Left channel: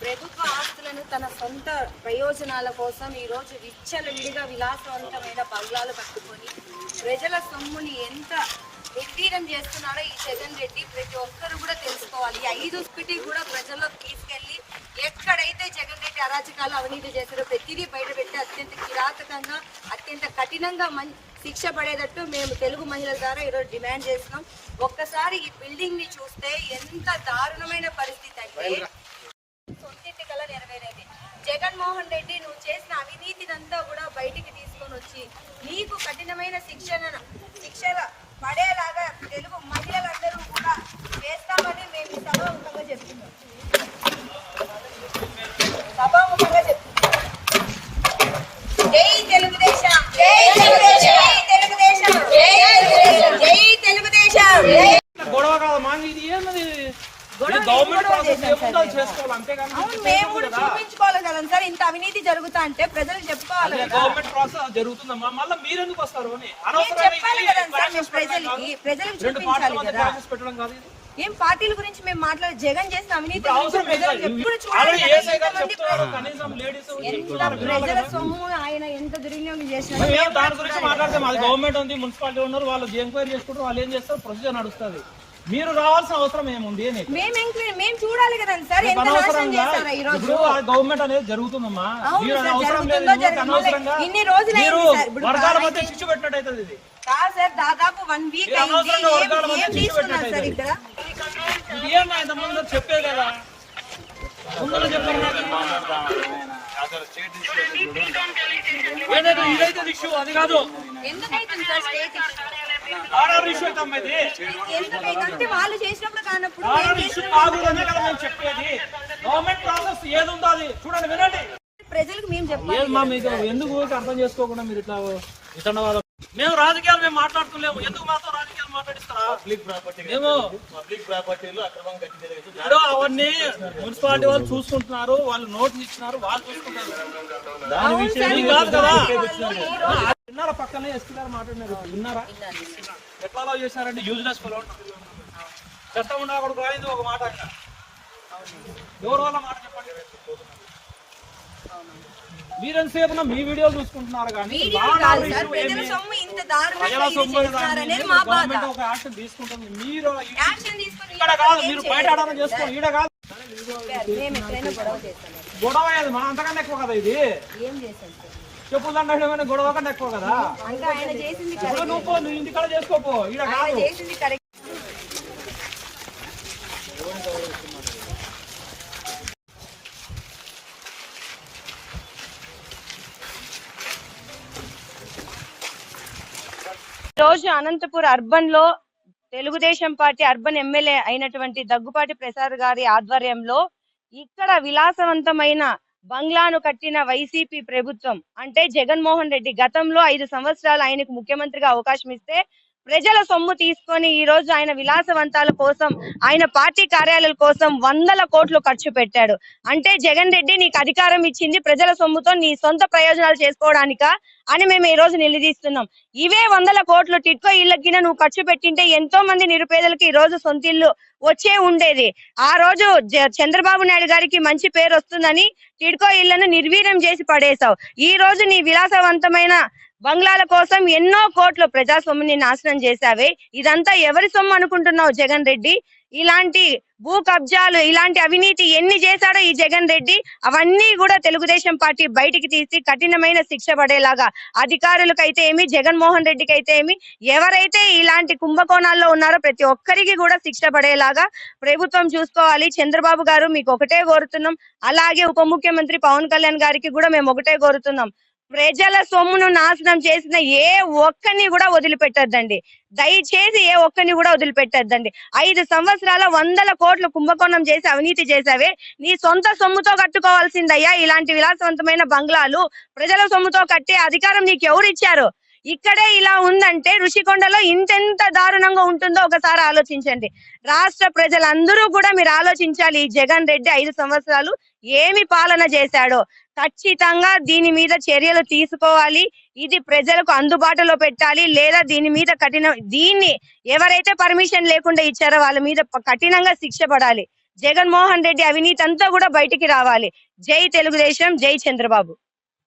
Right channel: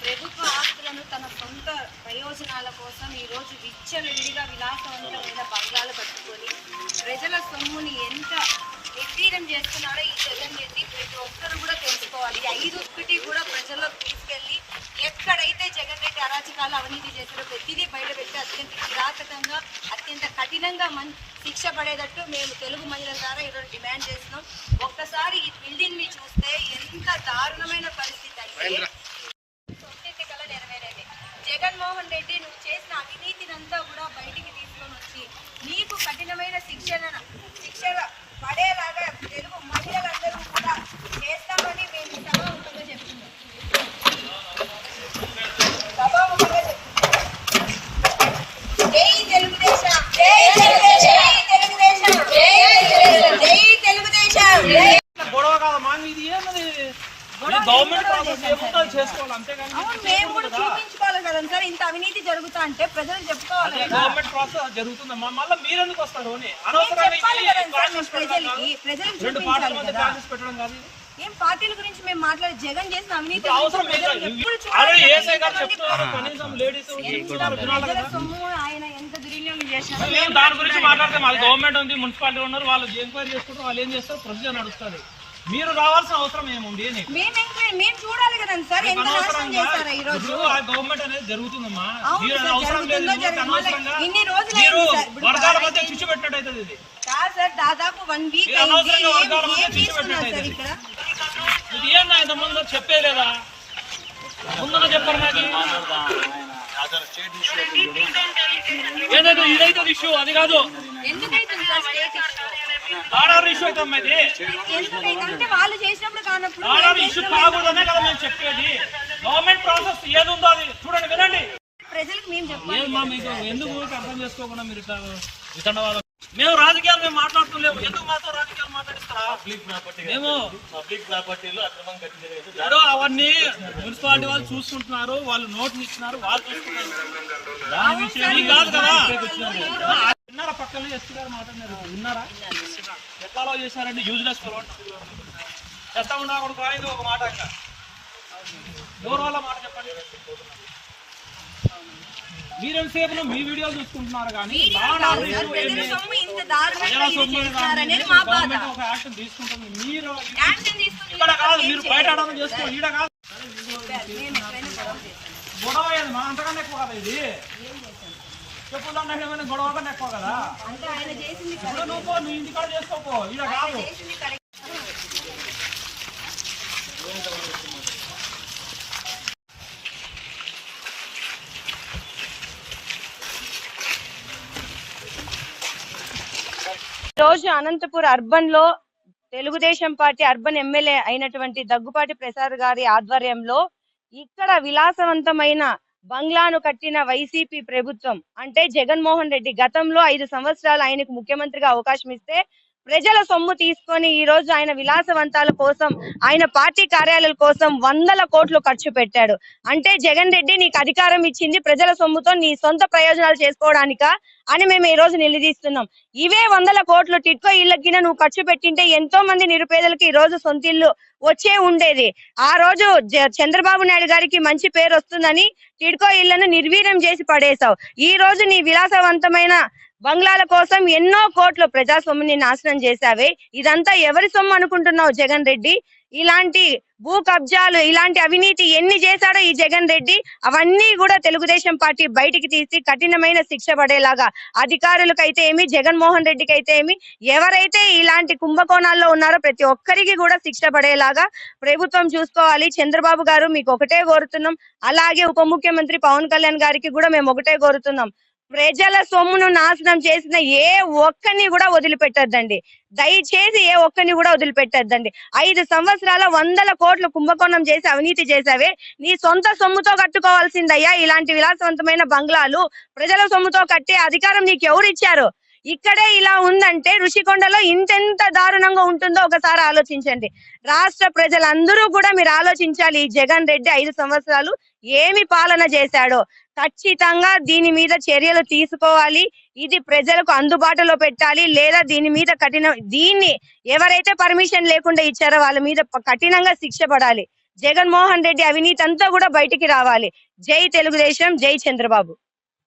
ప్రభుత్వ ఆస్తులను తన సొంత ప్రయోజనాల కోసం ఈరోజు విచ్చలవిడిగా విలాసవంతమైన బంగ్లాలు కట్టుకొని ప్రజల సొమ్ముని ఎంత నిర్వీర్యం చేస్తున్నారో ఈ జగన్ రెడ్డి ప్రతి ఒక్కరు కూడా తెలుసుకోవాలి. ఐదు స్పిటి కూడా ప్రజల్లోకి తీసుకెళ్ళి ఎక్కడైతే జగన్ రెడ్డి అరాచకాలు అవినీతి చేస్తారో ప్రతిదీ బయటపెట్టి అత్యంత కిరాతకంగా అత్యంత కఠినంగా మంచి శిక్ష పడేటట్టు మేము తెలుగు మహిళల ద్వారా ఈరోజు డిమాండ్ చేస్తున్నాం. ఒక్కసారి ఈ బిల్డింగ్ని చూస్తే ఎంత దారుణమైన పరిస్థితి అంటే సొంతింటి కల నెరవేరేది. జగన్మోహన్ రెడ్డి నువ్వు చేసిన అవినీతినంతా కూడా బయటికి తీసుకొని వచ్చి నీకు కఠినమైన శిక్షణ శిక్షణ పడేలాగా తెలుగు మహిళలందరూ కూడా చేస్తామని మేము ఈ సభాముఖంగా చెప్తున్నాం సభాముఖంగా చెప్తున్నాం జై తెలుగుదేశం జై తెలుగుదేశం జై తెలుగుదేశం జై తెలుగుదేశం జై గొడవ కాదు మాకు ఇది ఏమది గొడవ గవర్నమెంట్ గొడవ ప్రాసెస్ చేశాం ఏముందో అది సార్. చేసుకోవాలి అంతేగాని అవును మేము కూడా చూపించుకోవాలి కదా సార్ ఇంత అవినీతి జరుగుతా అంటే ప్రజలు చెప్పుకోవాలి గవర్నమెంట్ ప్రాసెస్ జరుగుతుందమ్మా. మళ్ళీ మీరు ఎందుకు వస్తారు అని? ప్రజలకి చూపించాలి కదా. పెట్టడం కాదు ఏం పార్టీల గురించి మేము మాట్లాడే జగన్ చేసిన అవినీతి సొమ్ము ఆయన ఎంత దుర్వినియోగం చేసినారో మేము దాని గురించి మాట్లాడితే మాది గవర్నమెంట్ ఉంది మున్సిపాలిటీ ఉన్నారు వాళ్ళు ఎంక్వైరీ చేసుకుంటారు వాళ్ళు ఏం చేస్తారు? ప్రొసీజర్ నడుస్తుంది. మీరు రావాల్సిన అవసరం ఏముంది అని మేము ఎంక్వైరీ మేము చూడాలి కదా సార్ రేపు ఎంత నాశనం అనవసరంగా చేశారా ఈ రోజు? ఇప్పుడు ఆ గవర్నమెంట్ అనేది జరుగుతుందమ్మా. అవును మీరు సార్, అవసరం లేదు జరుగుతుందో ఊరికే జరగదో అనవసరంగా? ఇన్ని రోజులు మీరు అయింది సార్. ఇప్పుడు వర్గాల మధ్య బాగా చిచ్చు పెట్టినట్టు అవుతుంది ఇది. కాదు సార్ దాదాపు వన్ వీక్ మీరు అనవసరంగా వర్గాల మధ్య ఏం చిచ్చు తీసుకున్నారు సార్ పెట్టినట్టు ఇక్కడ? ఇది ఇంత ముందు చెప్పేలేదా ముందున చెప్పారు నాకు ఏదైతే ఇదైతే ఇష్యూ అది కాదు. ఎందుకైతుంది సార్ స్టేట్ ఆర్ఆర్ ఇష్యూ అయితే అమ్మా ఇది ఎందుకైతే వాళ్ళు చేసినప్పుడు కానప్పుడు ఆర్ఆర్ ఇష్యూ కాకూడదనే కదా మేము చెప్పేది. గవర్నమెంట్ ప్రాసెస్ ఏది ఉందో అది చూడండి వినండి. ప్రజలకు మేము చెప్పాలి. ఏమమ్మా మీకు ఎందుకు అర్థం చేసుకోకుండా మీరు ఇట్లా మేము రాజకీయాలు మేము మాట్లాడుతున్నాము ఎందుకు మాతో రాజకీయాలు మాట్లాడిస్తారా? పబ్లిక్ ప్రాపర్టీ మేము పబ్లిక్ ప్రాపర్టీలో అక్రమం కట్టి జరిగేది. ఇప్పుడు అవన్నీ మున్సిపాలిటీ వాళ్ళు చూసుకుంటున్నారు వాళ్ళు నోటీస్ ఇచ్చినారు వాళ్ళు చూసుకుంటారు. దాని విషయం మీకు కాదు కదా. విన్నారా పక్కనే ఎస్పీ గారు మాట్లాడినారు. విన్నారా? ఎట్లా అలౌ చేశారండి? యూజ్లెస్ ఫలో చెత్త ఉన్నా కూడా ఇది ఒక మాట ఇంకా ఎవరు వాళ్ళ మాట చెప్పండి? మీరెంతసేపు మీ వీడియోలు చూసుకుంటున్నారు కానీ ఒక యాక్షన్ తీసుకుంటుంది. మీరు ఇక్కడ కాదు మీరు బయట చేసుకో. ఈడ కాదు. గొడవ మా అంతకన్నా ఎక్కువ కదా ఇది. ఏం సార్? చెప్పులు దండ గొడవ ఎక్కువ కదా? నువ్వు పో, నువ్వు చేసుకోపో. కాదు. రోజు అనంతపూర్ అర్బన్లో తెలుగుదేశం పార్టీ అర్బన్ ఎమ్మెల్యే అయినటువంటి దగ్గుపాటి ప్రసాద్ గారి ఆధ్వర్యంలో ఇక్కడ విలాసవంతమైన బంగ్లాను కట్టిన వైసీపీ ప్రభుత్వం అంటే జగన్మోహన్ రెడ్డి గతంలో ఐదు సంవత్సరాలు ఆయనకు ముఖ్యమంత్రిగా అవకాశం ఇస్తే ప్రజల సొమ్ము తీసుకొని ఈ రోజు ఆయన విలాసవంతాల కోసం ఆయన పార్టీ కార్యాలయాల కోసం వందల కోట్లు ఖర్చు పెట్టాడు. అంటే జగన్ రెడ్డి నీకు అధికారం ఇచ్చింది ప్రజల సొమ్ముతో నీ సొంత ప్రయోజనాలు చేసుకోవడానికా అని మేము ఈ రోజు నిలదీస్తున్నాం. ఇవే వందల కోట్లు టిట్కో ఇళ్ళకి నువ్వు ఖర్చు పెట్టింటే ఎంతో మంది నిరుపేదలకు ఈ రోజు సొంత ఇల్లు వచ్చే ఉండేది. ఆ రోజు చంద్రబాబు నాయుడు గారికి మంచి పేరు వస్తుందని టిడ్కో ఇళ్ళను నిర్వీర్యం చేసి పడేశావు. ఈ రోజు నీ విలాసవంతమైన బంగ్లాల కోసం ఎన్నో కోట్లు ప్రజాస్వామ్యాన్ని నాశనం చేశావే. ఇదంతా ఎవరి సొమ్ము అనుకుంటున్నావు జగన్ రెడ్డి? ఇలాంటి భూ కబ్జాలు ఇలాంటి అవినీతి ఎన్ని చేశాడో ఈ జగన్ రెడ్డి? అవన్నీ కూడా తెలుగుదేశం పార్టీ బయటికి తీసి కఠినమైన శిక్ష పడేలాగా. అధికారులకైతే ఏమి? జగన్మోహన్ రెడ్డికి అయితే ఏమి? ఎవరైతే ఇలాంటి కుంభకోణాల్లో ఉన్నారో ప్రతి ఒక్కరికి కూడా శిక్ష పడేలాగా ప్రభుత్వం చూసుకోవాలి. చంద్రబాబు గారు మీకు ఒకటే కోరుతున్నాం. అలాగే ఉప ముఖ్యమంత్రి పవన్ కళ్యాణ్ గారికి కూడా మేము ఒకటే కోరుతున్నాం. ప్రజల సొమ్మును నాశనం చేసిన ఏ ఒక్కరిని కూడా వదిలిపెట్టద్దండి. దయచేసి ఏ ఒక్కరిని కూడా వదిలిపెట్టద్దండి. ఐదు సంవత్సరాల వందల కోట్లు కుంభకోణం చేసి అవినీతి చేసావే నీ సొంత సొమ్ముతో కట్టుకోవాల్సిందయ్యా ఇలాంటి విలాసవంతమైన బంగ్లాలు. ప్రజల సొమ్ముతో కట్టే అధికారం నీకు ఎవరు ఇచ్చారు? ఇక్కడే ఇలా ఉందంటే ఋషికొండలో ఇంతెంత దారుణంగా ఉంటుందో ఒకసారి ఆలోచించండి. రాష్ట్ర ప్రజలందరూ కూడా మీరు ఆలోచించాలి ఈ జగన్ రెడ్డి ఐదు సంవత్సరాలు ఏమి పాలన చేశాడో. ఖచ్చితంగా దీని మీద చర్యలు తీసుకోవాలి. ఇది ప్రజలకు అందుబాటులో పెట్టాలి. లేదా దీని మీద కఠిన దీన్ని ఎవరైతే పర్మిషన్ లేకుండా ఇచ్చారో వాళ్ళ మీద కఠినంగా శిక్ష పడాలి. జగన్మోహన్ రెడ్డి అవినీతి అంతా కూడా బయటికి రావాలి. జై తెలుగుదేశం జై చంద్రబాబు.